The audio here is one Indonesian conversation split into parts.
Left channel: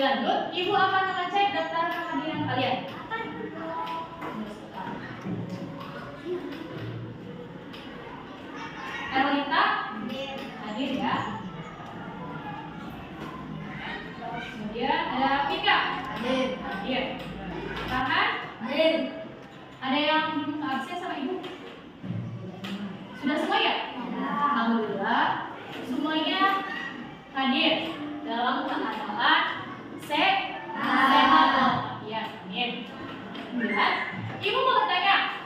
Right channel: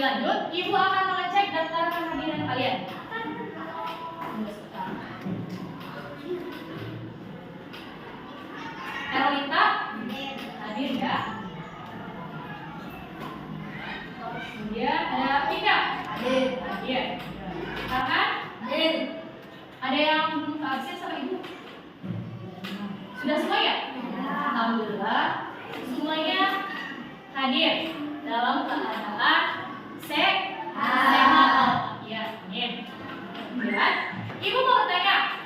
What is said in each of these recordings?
Lebih lanjut, Ibu akan mengecek daftar kehadiran kalian. Erlita hadir ya. Kemudian ada Pika hadir. Farhan hadir. Ada yang absen sama Ibu? Sudah semua ya? Alhamdulillah semuanya hadir dalam keadaan sehat. Ya, amin. Kemudian Ibu mau bertanya,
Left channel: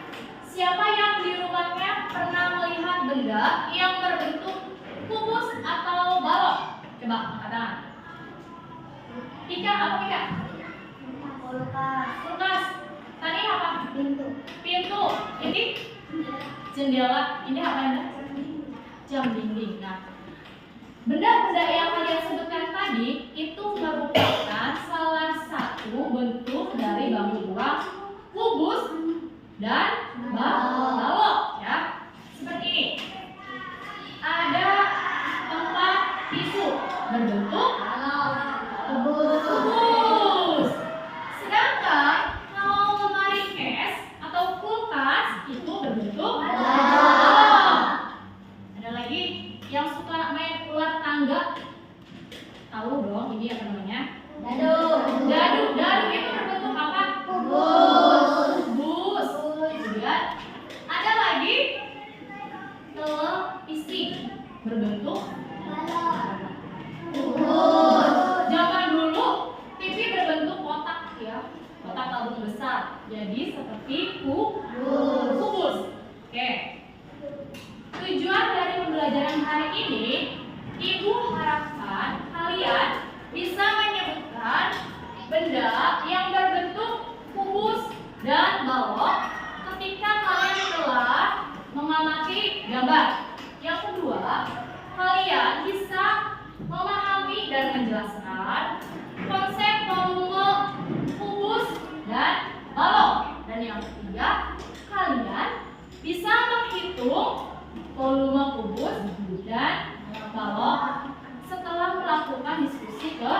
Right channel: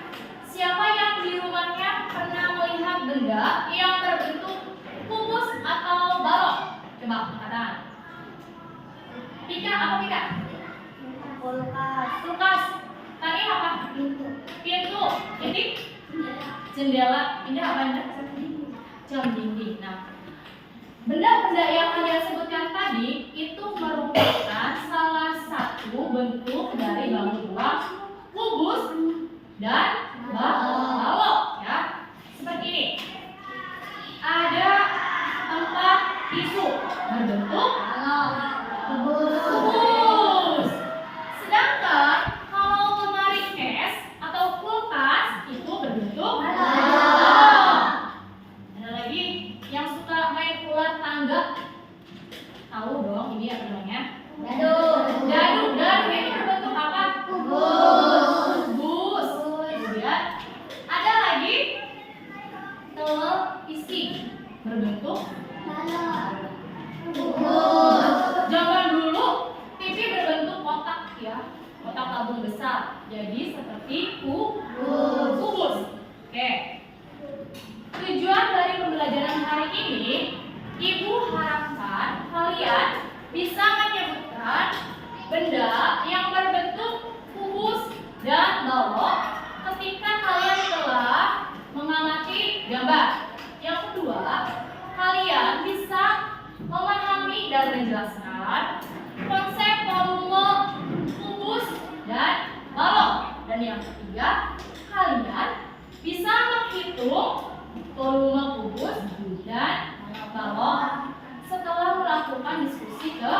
siapa yang di rumahnya pernah melihat benda yang berbentuk kubus atau balok? Coba angkat tangan. Pika, apa Pika? Kulkas. Tadi apa? Pintu. Ini jendela. Ini apa Anda? Jam dinding. Nah, benda-benda yang kalian sebutkan tadi itu merupakan salah satu bentuk dari bangun rumah kubus dan balok ya. Seperti ini. Ada tempat tisu berbentuk kubus. Sedangkan kalau lemari es atau kulkas itu berbentuk balok. Ada lagi yang suka main ular tangga. Tahu dong ini apa namanya? Dadu itu berbentuk apa? Kubus. Kemudian ada lagi televisi berbentuk kubus. Zaman dulu TV berbentuk kotak ya, kotak tabung besar. Jadi seperti kubus. Oke. Tujuan dari pembelajaran hari ini, Ibu harapkan kalian bisa menyebutkan benda yang berbentuk kubus dan balok ketika kalian telah mengamati gambar. Yang kedua, kalian bisa memahami dan menjelaskan konsep volume kubus dan balok. Dan yang ketiga, kalian bisa menghitung volume kubus dan balok setelah melakukan diskusi ke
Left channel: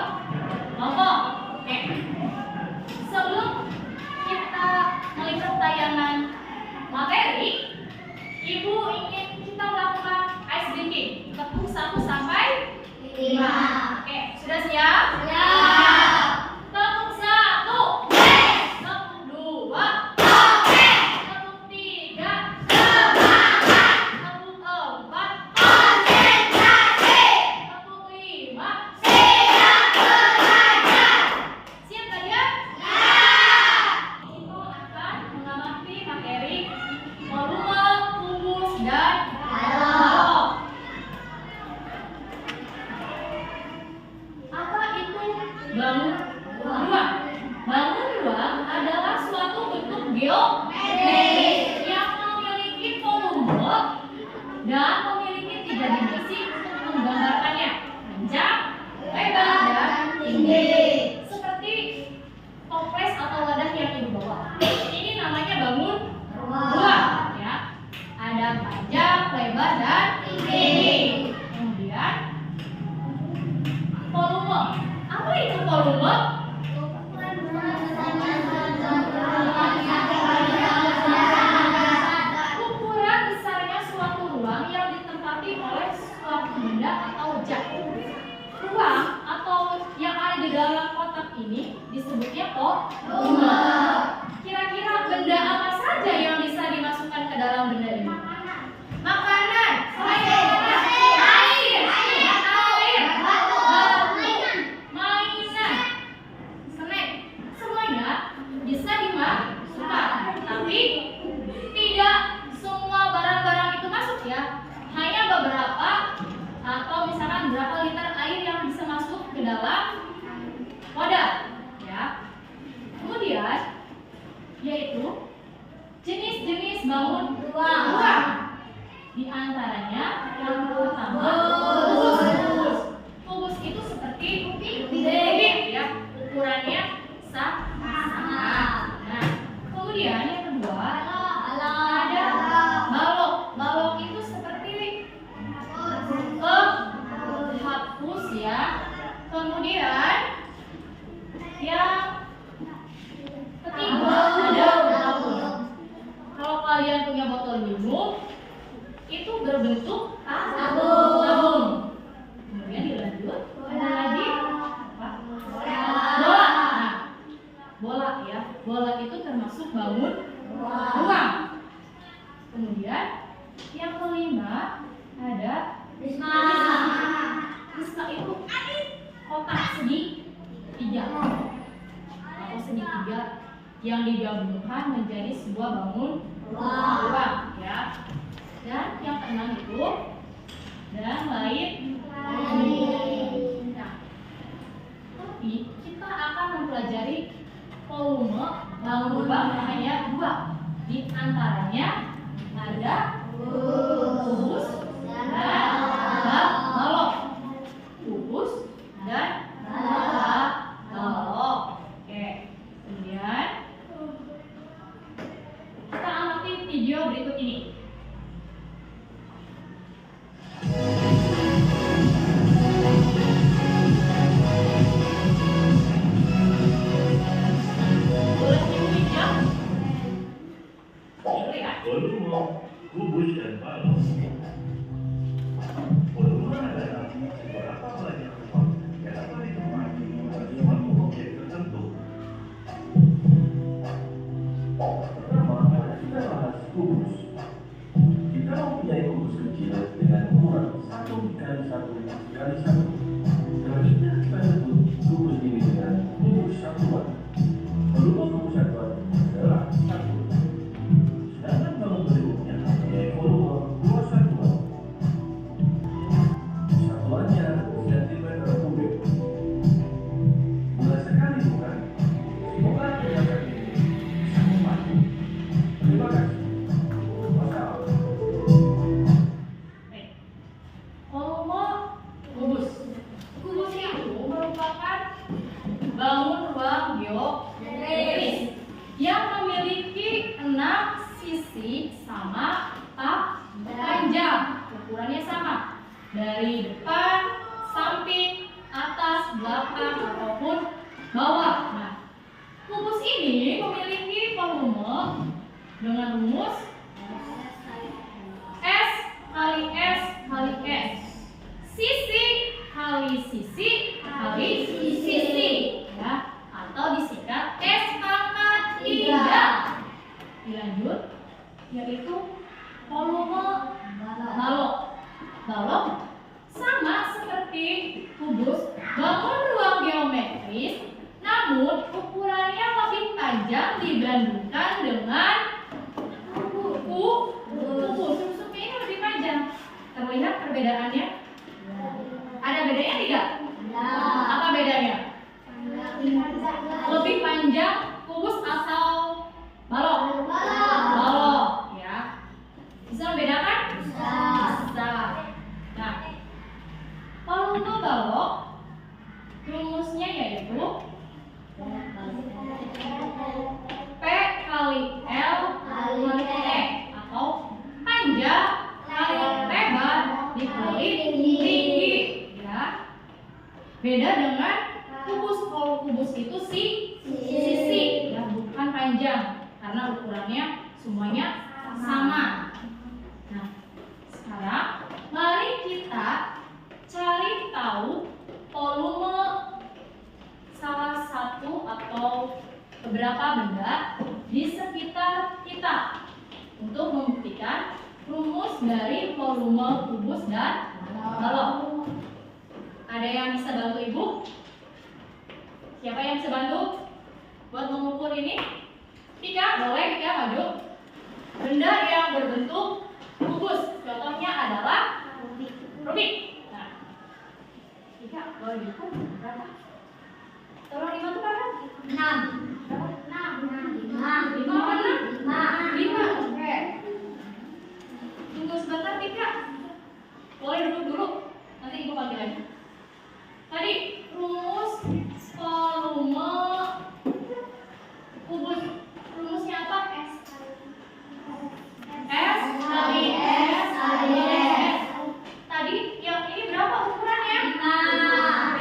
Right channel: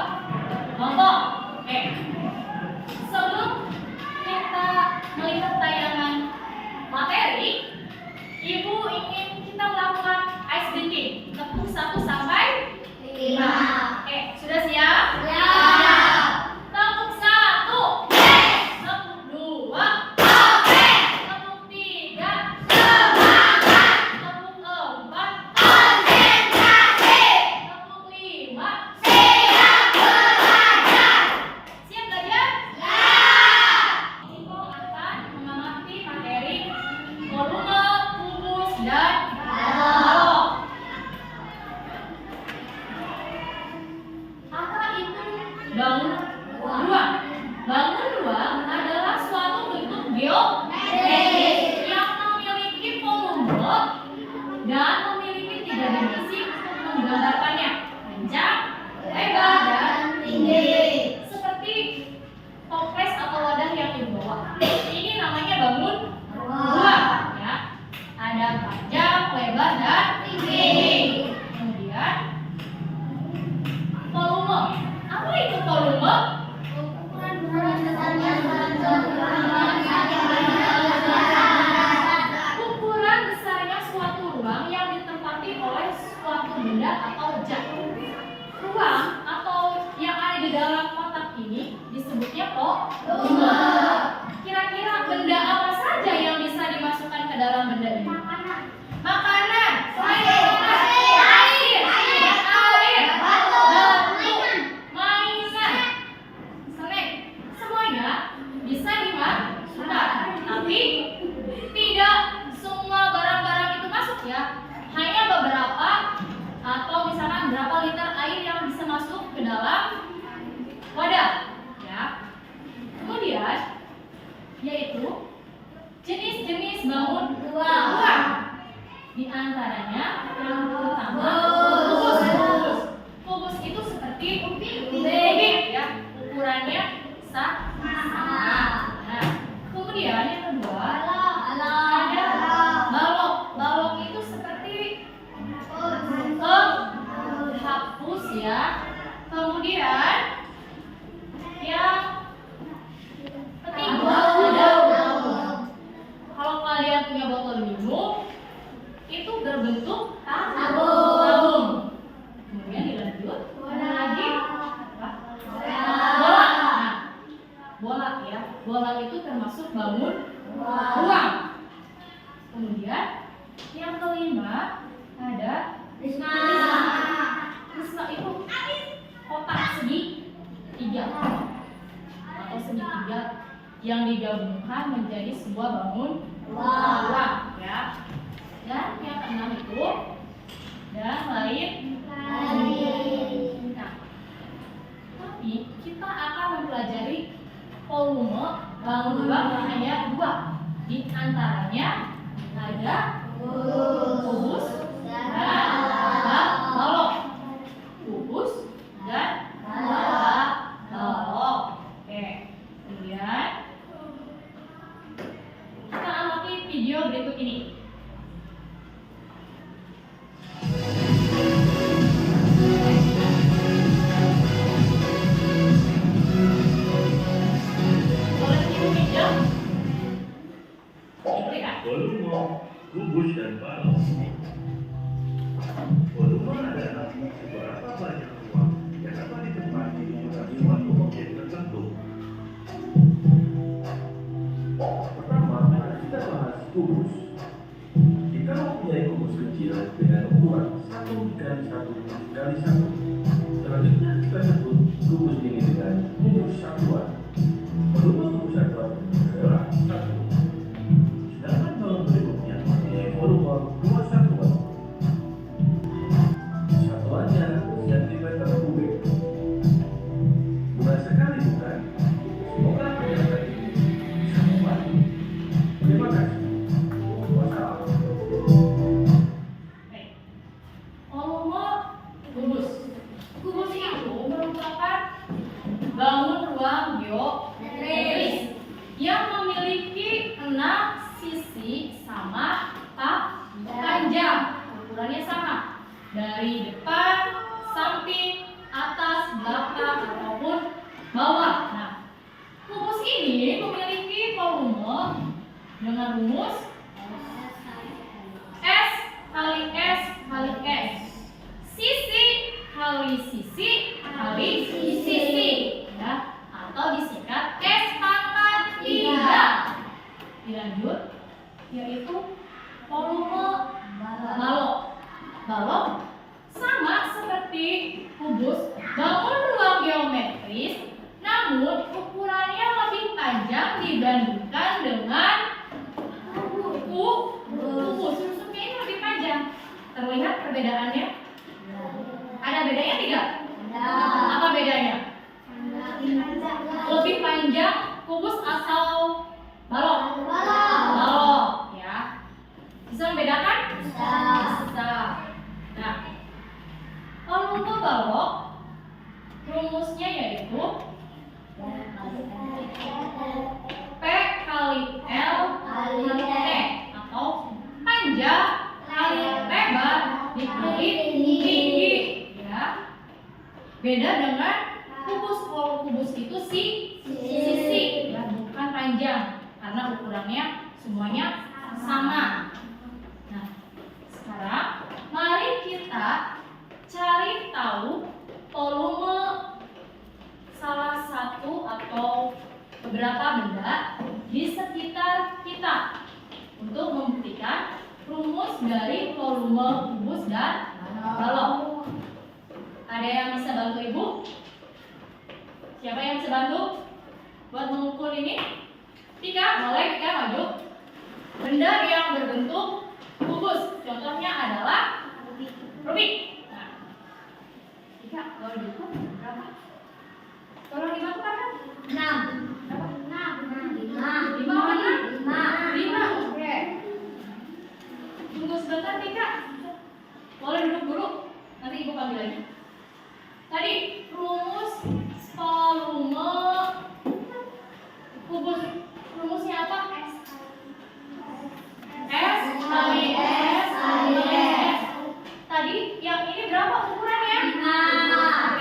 kelompok. Oke. Sebelum kita melihat tayangan materi, Ibu ingin kita melakukan ice breaking. Tepuk 1 sampai 5. Oke, sudah siap? Siap. Tepuk 1. Tepuk 2. Tepuk 3. Tepuk 4. Tepuk 5. Siap belajar? Kita akan mengamati materi volume kubus dan balok. Apa itu bangun ruang? Bangun ruang adalah suatu bentuk geometris yang memiliki volume dan memiliki 3 dimensi untuk menggambarkannya: panjang, lebar, dan tinggi. Seperti toples atau wadah yang Ibu bawa. Ini namanya bangun ruang ya. Ada panjang, lebar, dan tinggi. Kemudian volume. Apa itu volume? Ukuran besarnya suatu ruang yang ditempati oleh suatu benda atau objek. Ruang atau yang ada di dalam kotak ini disebutnya volume. Kira-kira benda apa saja yang bisa dimasukkan ke dalam benda ini? Makanan, air, batu, mainan, snack, semuanya bisa dimasukkan. Tapi tidak semua barang-barang itu masuk ya. Hanya beberapa atau misalkan berapa liter air yang bisa masuk ke dalam wadah ya. Kemudian yaitu jenis-jenis bangun ruang. Di antaranya yang pertama kubus. Kubus itu seperti kubik ya, ukurannya sama. Nah, kemudian yang kedua ada balok. Balok itu seperti penghapus ya. Kemudian berbentuk tabung. Kemudian dilanjut ada lagi apa? Bola. Nah, bola ya. Bola itu termasuk bangun ruang. Kemudian yang kelima ada prisma. Prisma itu kotak segitiga atau segitiga yang digabungkan menjadi sebuah bangun ruang ya. Dan yang keenam itu dan lain. Nah, tapi kita akan mempelajari volume bangun ruang hanya dua. Di antaranya ada kubus dan balok. Kubus dan balok. Oke. Kemudian kita amati video berikut ini. Volume, kubus dan balok. Volume adalah seberapa banyak ruang yang dapat ditempati oleh suatu objek tertentu. Pertama, kita bahas kubus. Jika mempunyai kubus kecil dengan ukuran 1x1x1, selanjutnya kita sebut kubus ini dengan kubus satuan. Volume kubus satuan adalah 1. Sedangkan balok berikutnya yaitu volume 2 satuan. Satuannya sentimeter kubik. Mudah sekali bukan? Semoga penjelasan ini bisa membantu. Terima kasih. Wassalam. Volume kubus. Kubus itu merupakan bangun ruang geometris yang memiliki 6 sisi sama panjang, ukurannya sama dari depan, samping, atas, belakang ataupun bawah. Nah, kubus ini memiliki volume dengan rumus S kali S kali S, sisi kali sisi kali sisi, ya, atau disingkat S pangkat 3. Dilanjut, yaitu volume balok. Balok sama seperti kubus, bangun ruang geometris, namun ukurannya lebih panjang dibandingkan dengan kubus. Susuknya ini lebih panjang. Terlihat perbedaannya? Ada bedanya tidak? Apa bedanya? Lebih panjang kubus atau balok? Balok, ya. Bisa membedakan? Bisa. Nah, volume balok rumusnya yaitu P kali L kali T atau panjang kali lebar dikali tinggi, ya. Beda dengan kubus. Kalau kubus itu sisi, ya, bukan panjang karena ukurannya semuanya sama. Nah, sekarang mari kita cari tahu volume salah satu atau beberapa benda di sekitar kita untuk membuktikan rumus dari volume kubus dan balok. Ada yang bisa bantu Ibu? Siapa yang bisa bantu buat mengukur ini? Tika, boleh Tika maju. Benda yang berbentuk kubus, contohnya adalah Rubik. Nah, Tika, kalau diukur berapa? Tolong dibantu kan? 6. Berapa? 5. Oke. Tunggu sebentar Tika. Boleh duduk dulu. Nanti Ibu panggil lagi. Tadi rumus volume kubus, rumusnya apa? S kali S kali S. Tadi yang ini berapa ukurannya? 5.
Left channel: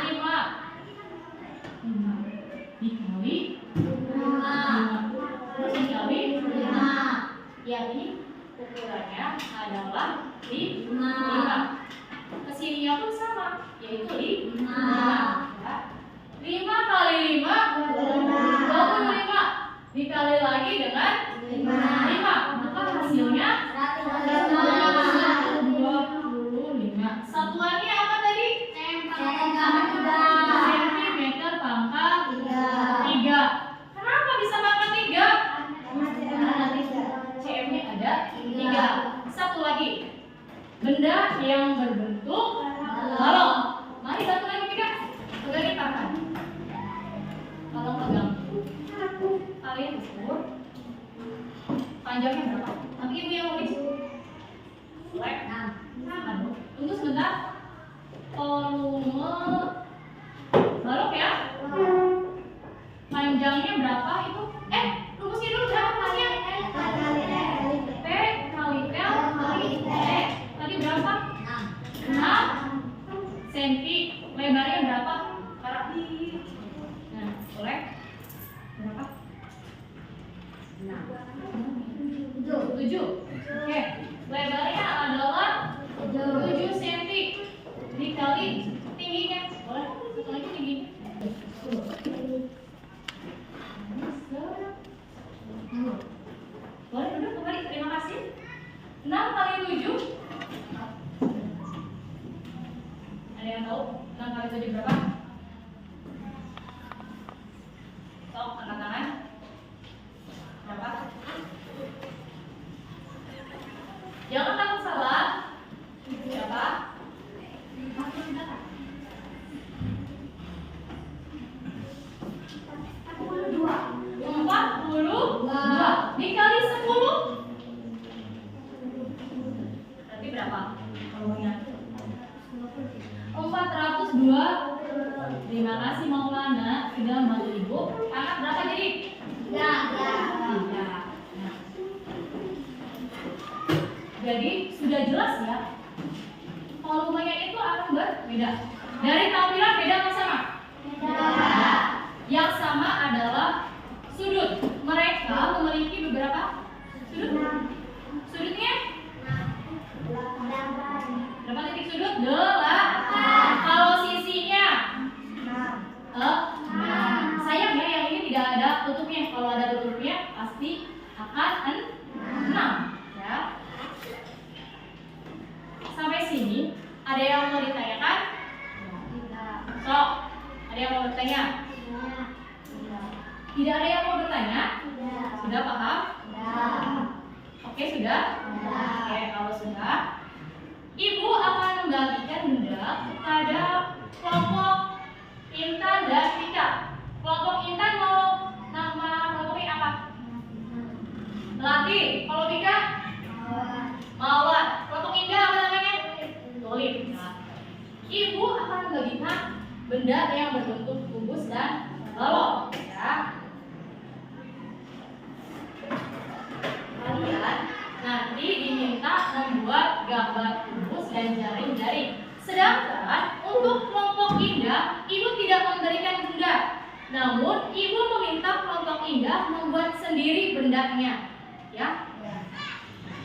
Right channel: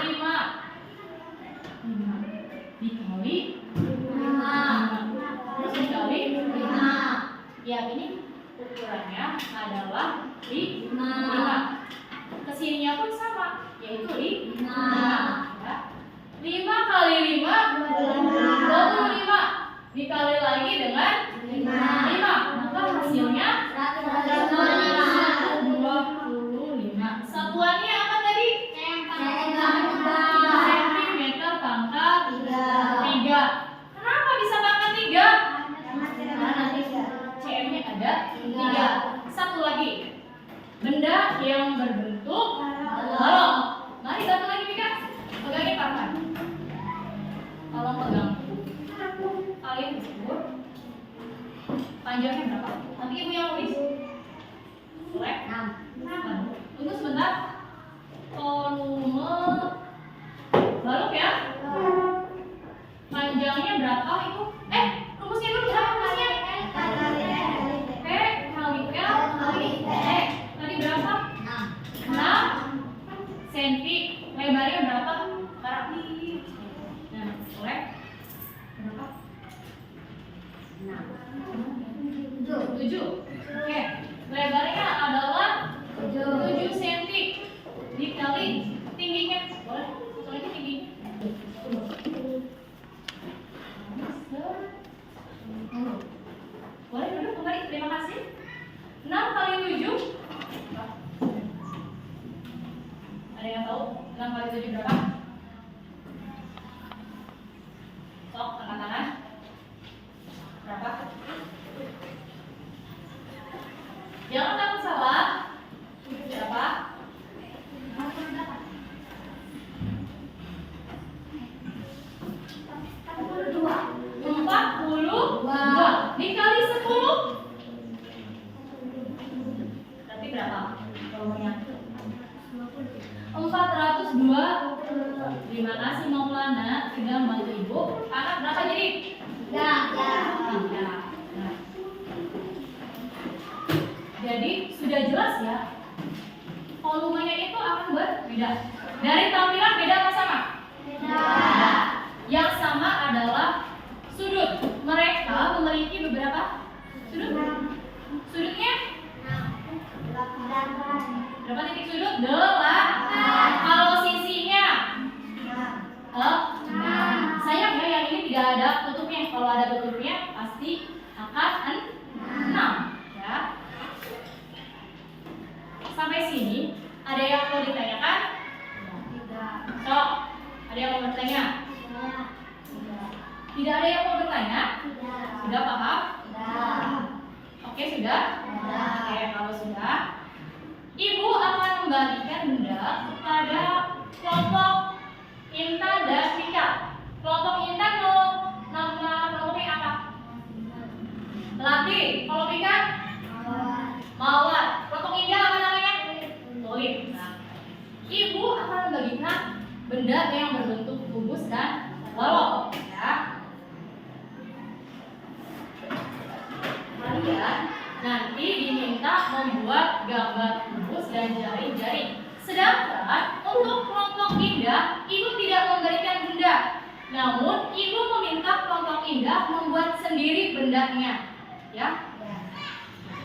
panjangnya berapa? Nanti ibu yang tulis. Boleh? Tunggu sebentar. Volume balok ya. Panjangnya berapa itu? Rumusnya dulu berapa panjang? P kali L kali T. Tadi berapa? 6 cm. Lebarnya berapa? Nah, boleh? Berapa? 7. Oke. Lebarnya adalah 7 cm dikali tingginya. Boleh? Soalnya tinggi. Boleh duduk kembali. Terima kasih. 6 kali 7. Ada yang tahu 6 kali 7 berapa? Sok, angkat tangan. Berapa? Jangan takut salah. Berapa? 42 dikali 10 berarti berapa? Volumenya 402. Terima kasih Maulana sudah membantu ibu. Anak berapa jadi? 3. Nah. Jadi sudah jelas ya, volumenya itu akan berbeda. Dari tampilan beda atau sama? Yang sama adalah sudut. Mereka memiliki beberapa sudut. Sudutnya berapa titik sudut? 8. Kalau sisinya sayang ya, yang ini tidak ada tutupnya. Kalau ada tutupnya pasti akan 6 ya. Sampai sini ada yang mau ditanyakan? Sok, ada yang mau bertanya? Tidak ada yang mau bertanya? Sudah paham? Oke, sudah? Oke, kalau sudah, ibu akan membagikan benda kepada kelompok Intan dan Pika. Kelompok Intan mau nama kelompoknya apa? Melati. Kalau Pika? Mawar. Kelompok Indah apa namanya? Tulip. Nah, ibu akan membagikan benda yang berbentuk kubus dan balok. Ya. Kalian nanti diminta membuat gambar kubus dan jaring-jaring. Sedangkan untuk kelompok Indah, ibu tidak memberikan benda. Namun ibu meminta kelompok Indah membuat sendiri bendanya. Ya.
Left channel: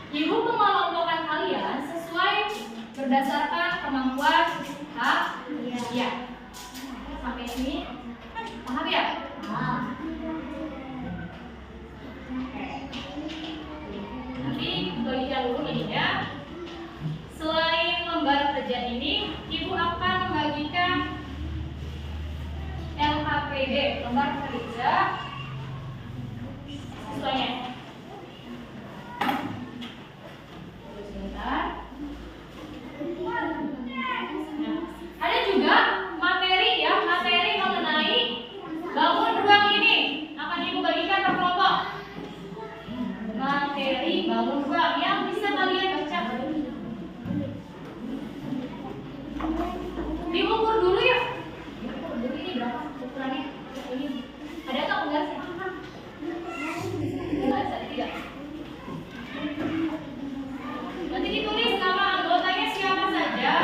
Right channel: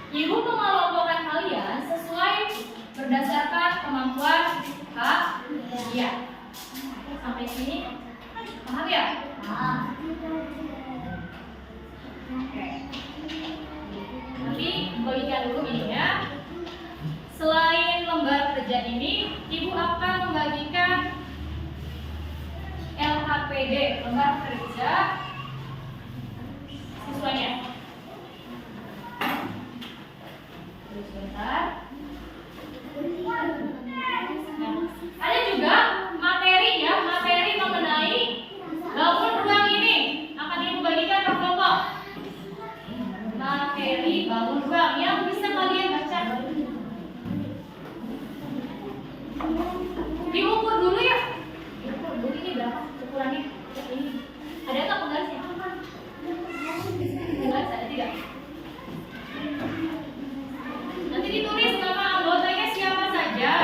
Ibu mengelompokkan kalian sesuai berdasarkan kemampuan kalian. Sampai sini paham ya? Oke. Nanti bagikan dulu ininya. Selain lembar kerja ini, ibu akan membagikan LHPD, lembar kerja siswanya. Sebentar. Ya. Ada juga materi ya, materi mengenai bangun ruang ini akan ibu bagikan per kelompok. Materi bangun ruang yang bisa kalian baca. Diukur dulu ya. Diukur dulu ini berapa ukurannya? Ini. Ada nggak penggarisnya? Penggaris ada tidak? Nanti ditulis nama anggotanya siapa saja.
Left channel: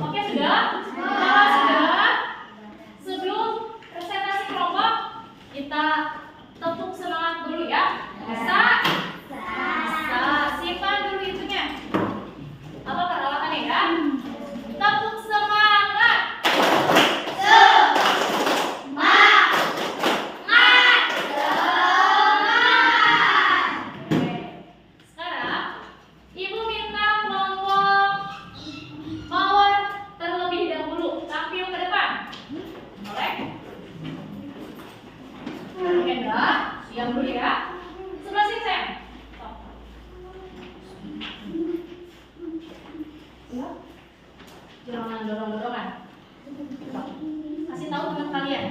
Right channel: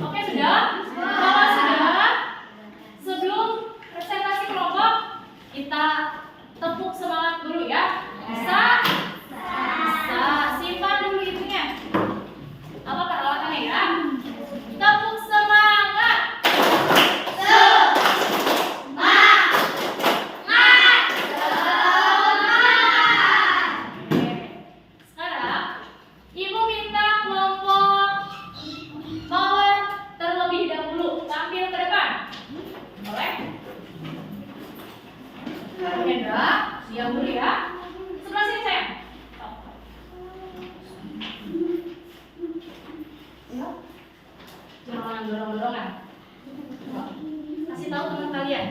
Oke, sudah? Kalau sudah, sebelum presentasi kelompok, kita tepuk semangat dulu ya. Bisa? Bisa. Simpan dulu itunya. Apa peralatannya ya? Tepuk semangat. Sekarang, ibu minta kelompok Mawar terlebih dahulu tampil ke depan. Boleh? Hendra, diam dulu ya. Sebelah sini sayang. Ya. Jangan dorong-dorongan. Kasih tahu teman kalian.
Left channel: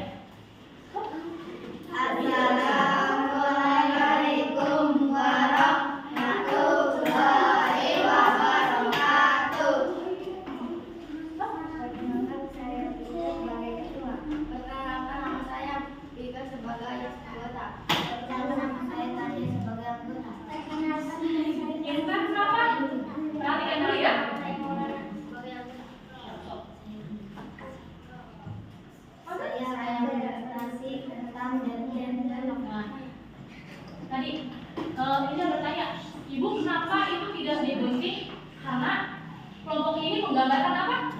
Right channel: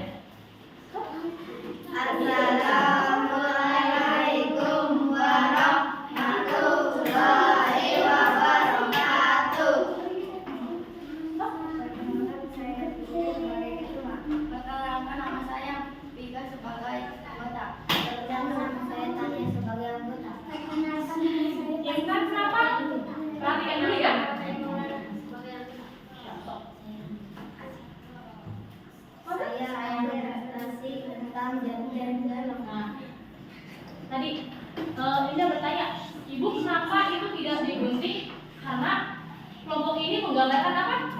menggambarkan apa?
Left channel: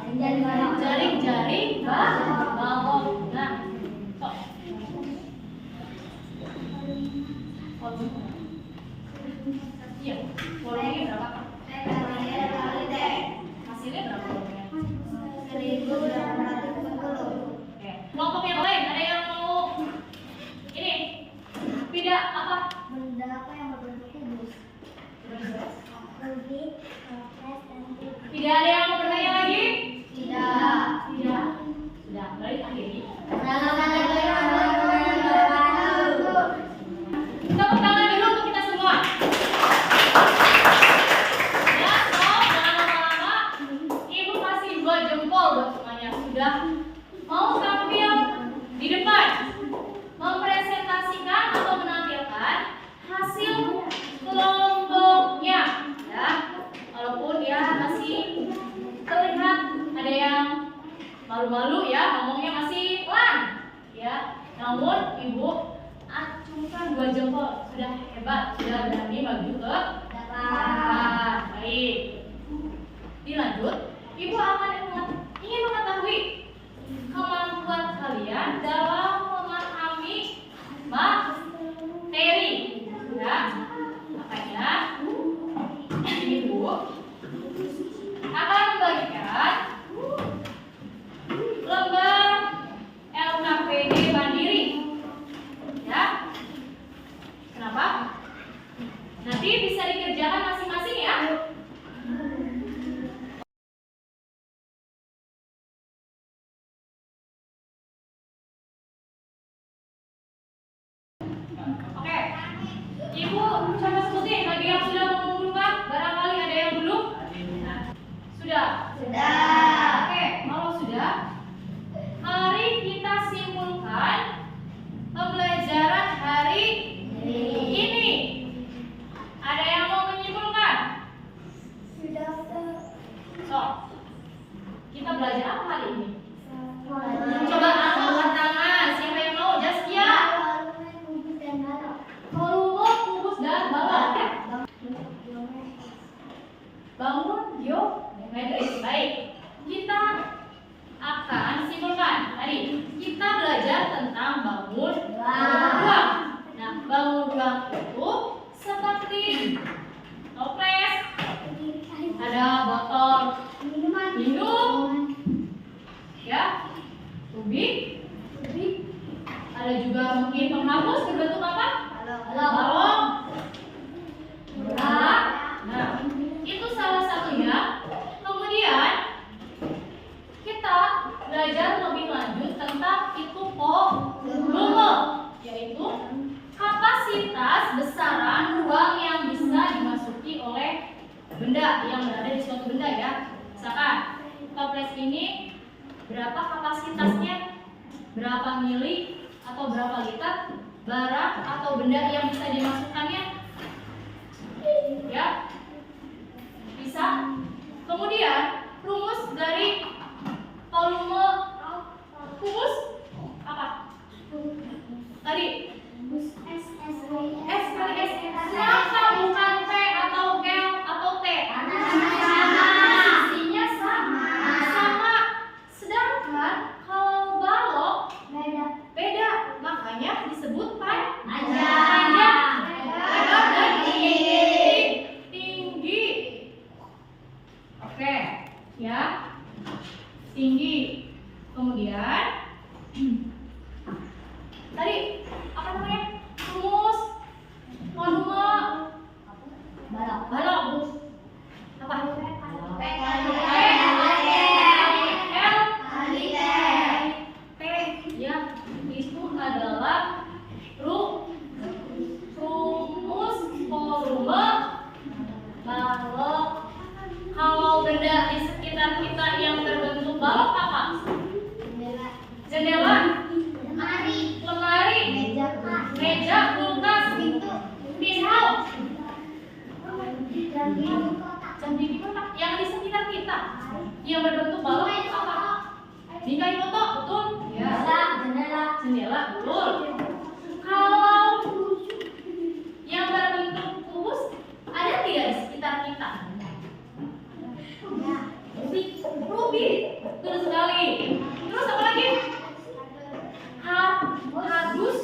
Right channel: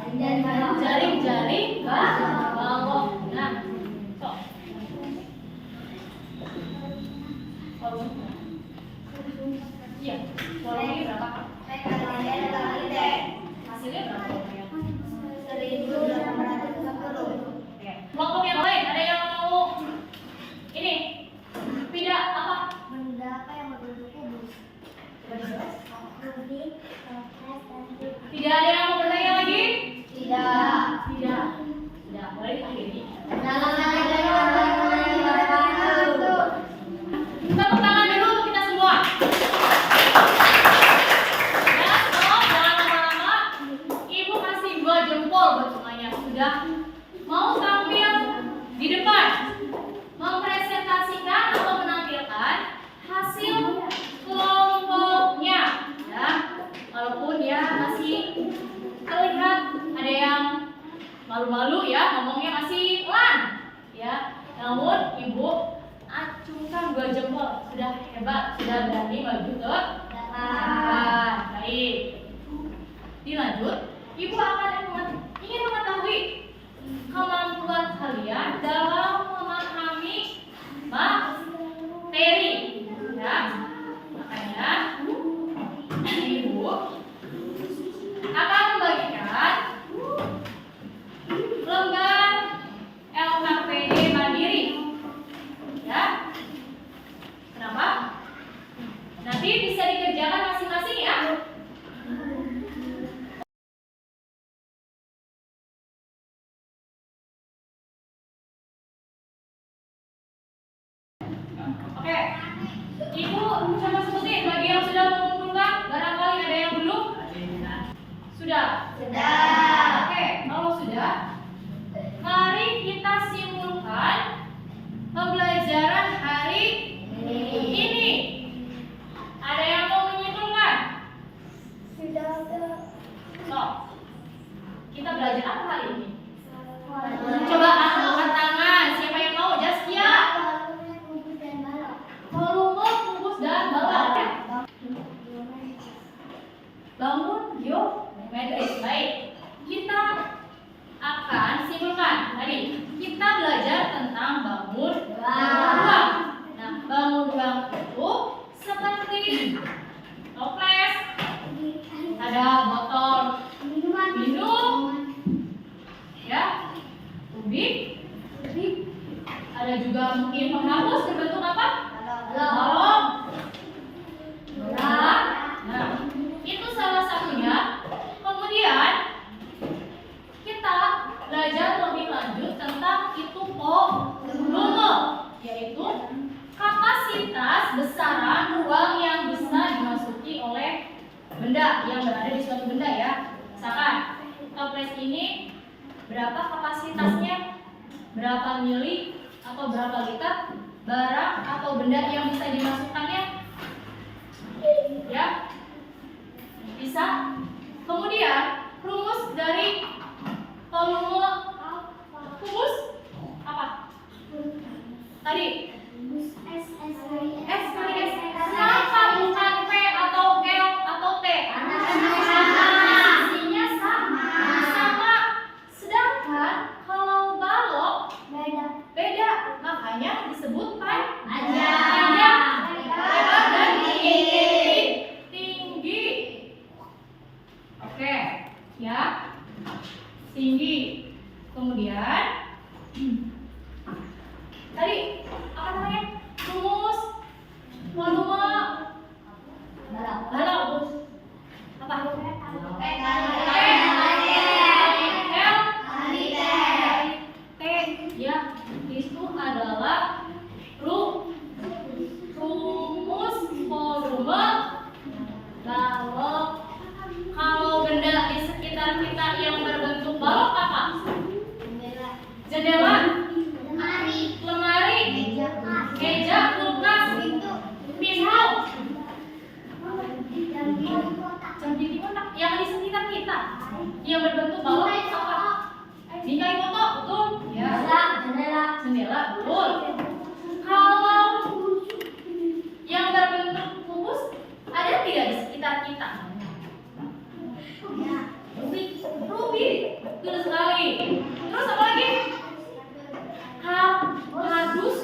Jaring-jaring balok. Nah, sok. Iya, volumenya berapa? Hasilnya berapa volumenya? Oke. Kelompok yang lain ada yang mau ini? Tidak apa? Tidak ada yang mau bertanya lagi? Tidak. Sudah, mulai akhiri. Tepuk tangan dulu untuk kita semua. Ya, stop, jangan lama-lama. Ibu kasih 2 jempol buat semuanya. Sudah mau tampil di depan, mempresentasikan atau menampilkan hasil kelompoknya. Ya, walaupun ya masih terlihat ada yang malu-malu ya, ngomongnya masih pelan ya. Namun ibu acungkan 2 jempol, sudah hebat, sudah berani maju ke depan. Baik, dilanjut. Ibu akan ingin mengetahui kemampuan kalian dalam memahami materi ya. Makanya ibu akan membagikan lembar LKPD Mandiri ya. Kenapa? Nanti bisa dikerjakan masing-masing ya. Oke, ibu coba sebutin bagi yang sudah mengumpulkan, barangkali ada yang belum. Sudah? Oke, kalau sudah, mari kita simpulkan pembelajaran hari ini. Ada yang mau menyimpulkan? So, kita belajar apa hari ini? Coba angkat tangan, siapa yang mau? Jaskia. Volume, kubus, dan balok. Bangun geometris. Baik, kita akan simpulkan. Tadi kita belajar tentang bangun ruang. Nah, bangun ruang itu seperti toples, ada botol minum, ya, tubik, ada juga mungkin penghapus berbentuk apa? Balok. Nah, itu salah satunya. Kemudian kita belajar lebih lanjut tentang itu volume, yaitu kapasitas besaran ruang yang bisa dimasuki oleh benda yang berada di suatu benda ya. Misalkan toples ini berapa kapasitasnya, berapa mili atau berapa liter barang atau benda yang bisa dimasukkannya, ya bisa. Kemudian rumus dari volume kubus apa? Tadi S kali S. Kenapa bukan P atau L atau T? Fungsinya sama. Sedangkan kalau balok beda, makanya disebut panjang, lebar dan tinggi. Oke, ya, tinggi. Kemudian tadi apa namanya? Rumus volume balok apa? P ya, itu adalah rumus volume balok. Kalau benda di sekitar kita yang berbentuk balok apa? Jendela, lemari, meja, kulkas, pisau, jam dinding kotak. Yang di sekitar kita yang berbentuk balok apa? Bingkai foto, betul? Ya. Jendela, betul. Kalau yang berbentuk kubus ada tidak di sekitar kita? Betul sekali. Terus apa lagi? Kardus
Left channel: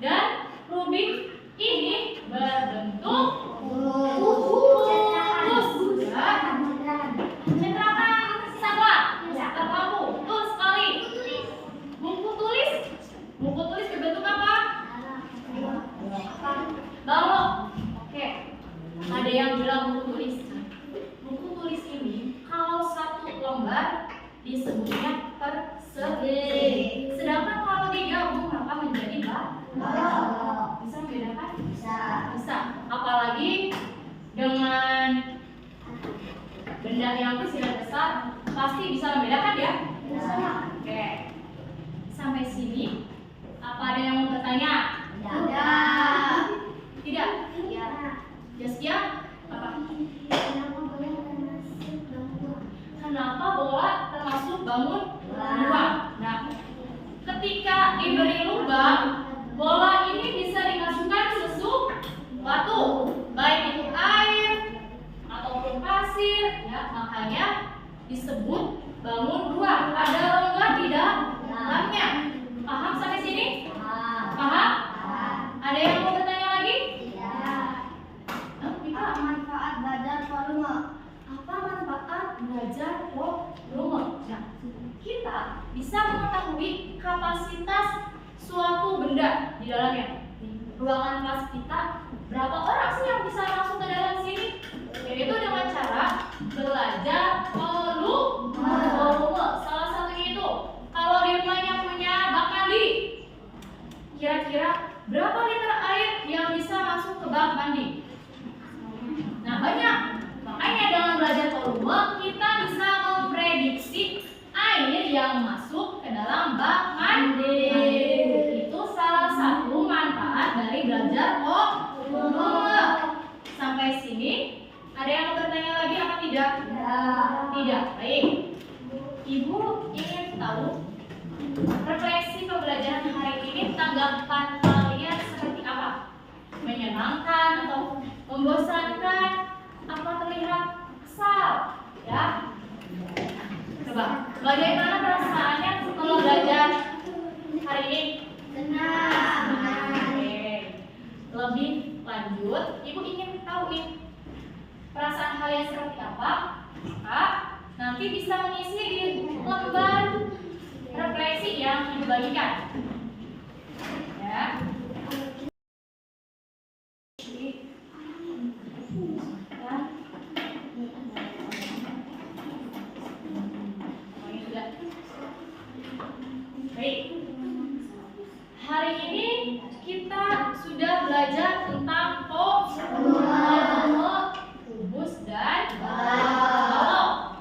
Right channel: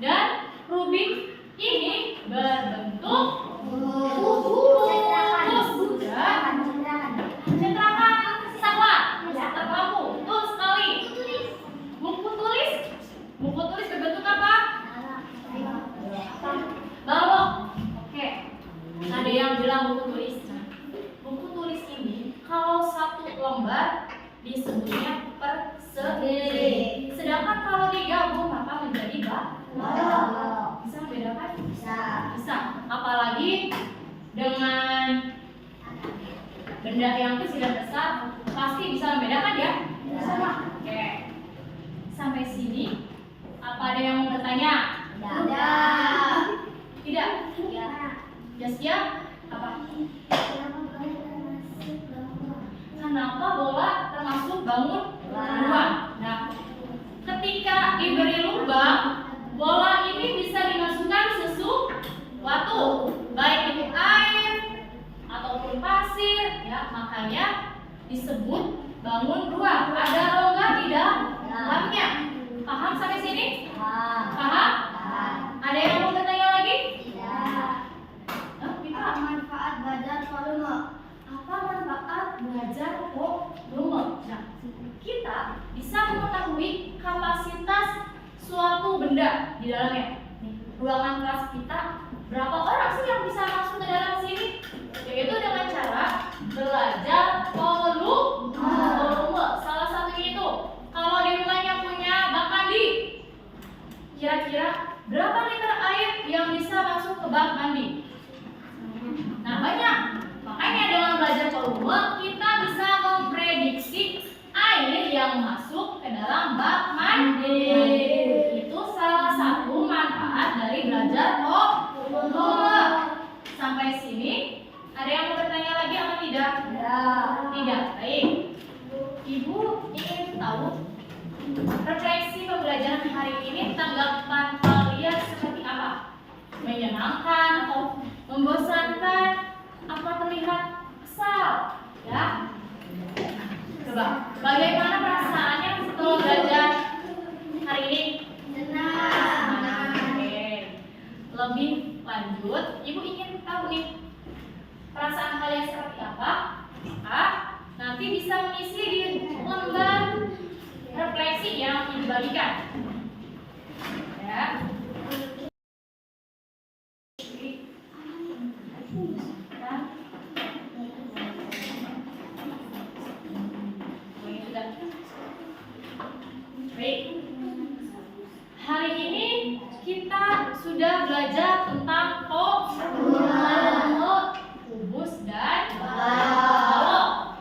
dan rubik ini berbentuk kubus. Ya. Cetakan saklar terlampu. Betul sekali. Buku tulis berbentuk apa? Balok. Oke. Ada yang bilang buku tulis. Nah, buku tulis ini kalau satu lembar disebutnya persegi. Sedangkan kalau digabung maka menjadi balok. Bisa membedakan? Bisa. Apalagi dengan benda yang kecil dan besar pasti bisa membedakan ya? Bisa. Oke. Sampai sini apa ada yang mau bertanya? Tidak? Jaskia? Apa? Kenapa bola termasuk bangun ruang? Nah, ketika diberi lubang, bola ini bisa dimasukkan sesuatu, baik itu air ataupun pasir, ya, makanya disebut bangun ruang. Ada rongga di dalamnya. Paham sampai sini? Paham? Ada yang mau bertanya lagi? Apa manfaat belajar volume? Apa manfaat belajar volume? Nah, kita bisa mengetahui kapasitas suatu benda di dalamnya. Nih, ruangan kelas kita berapa orang sih yang bisa masuk ke dalam sini? Yaitu dengan cara belajar volume. Salah satunya itu, kalau di rumahnya punya bak mandi, kira-kira berapa liter air yang bisa masuk ke bak mandi? Nah, banyak. Makanya dengan belajar volume kita bisa memprediksi air yang masuk ke dalam bak mandi. Itu salah satu manfaat dari belajar volume. Sampai sini ada yang mau bertanya lagi apa tidak? Tidak. Baik. Ibu ingin tahu refleksi pembelajaran hari ini, tanggapan kalian seperti apa? Menyenangkan atau membosankan? Apa terlihat kesal? Ya. Coba, bagaimana perasaannya setelah belajar hari ini? Senang. Oke. Lebih lanjut, ibu ingin tahu nih perasaan kalian seperti apa? Nanti bisa mengisi di lembar refleksi yang ibu bagikan. Ya. Baik. Hari ini kita sudah belajar tentang volume, kubus dan balok.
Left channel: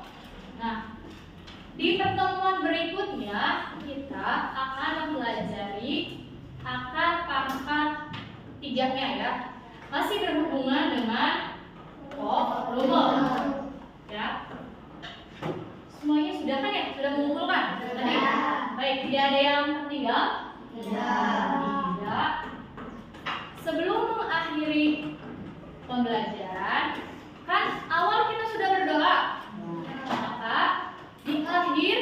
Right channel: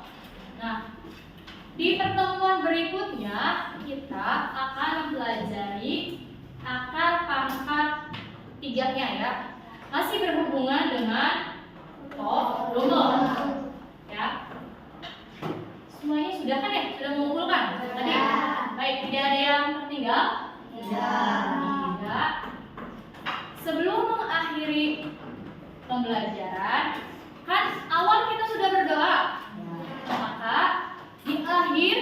Nah, di pertemuan berikutnya kita akan mempelajari akar pangkat tiganya ya. Masih berhubungan dengan volume. Ya. Semuanya sudah kan ya? Sudah mengumpulkan tadi? Baik, tidak ada yang tertinggal? Tidak. Sebelum mengakhiri pembelajaran, kan awal kita sudah berdoa. Maka di akhir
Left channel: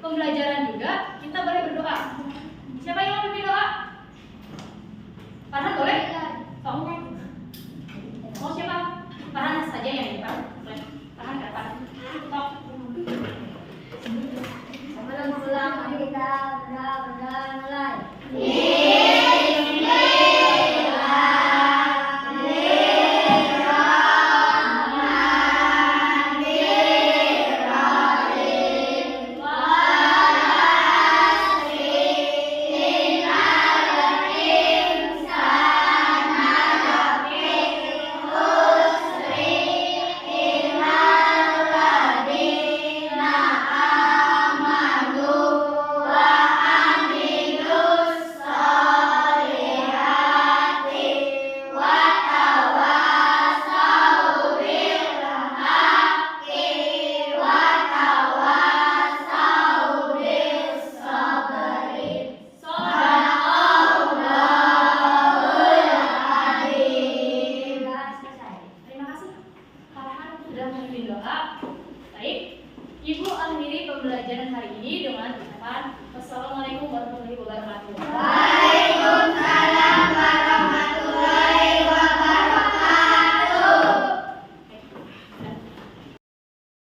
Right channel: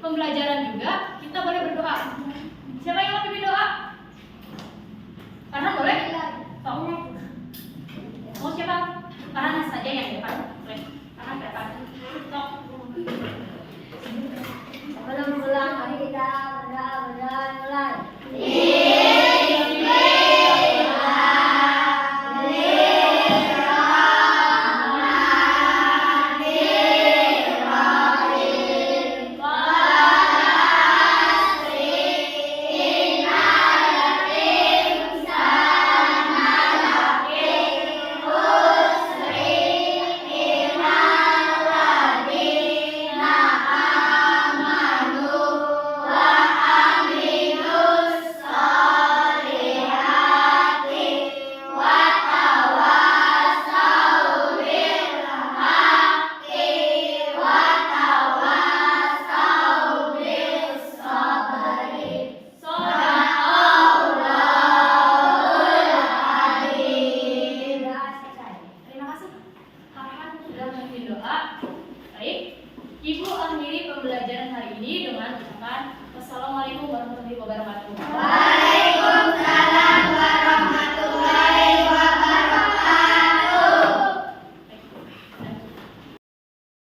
pembelajaran juga kita boleh berdoa. Siapa yang mau pimpin doa? Farhan boleh? Mau siapa? Farhan saja yang di depan. Boleh. Farhan ke depan. Tok. Sebelum pulang, mari kita berdoa mulai. Ibu akhiri pembelajaran hari ini dengan ucapan Wassalamualaikum warahmatullahi wabarakatuh. Waalaikumsalam.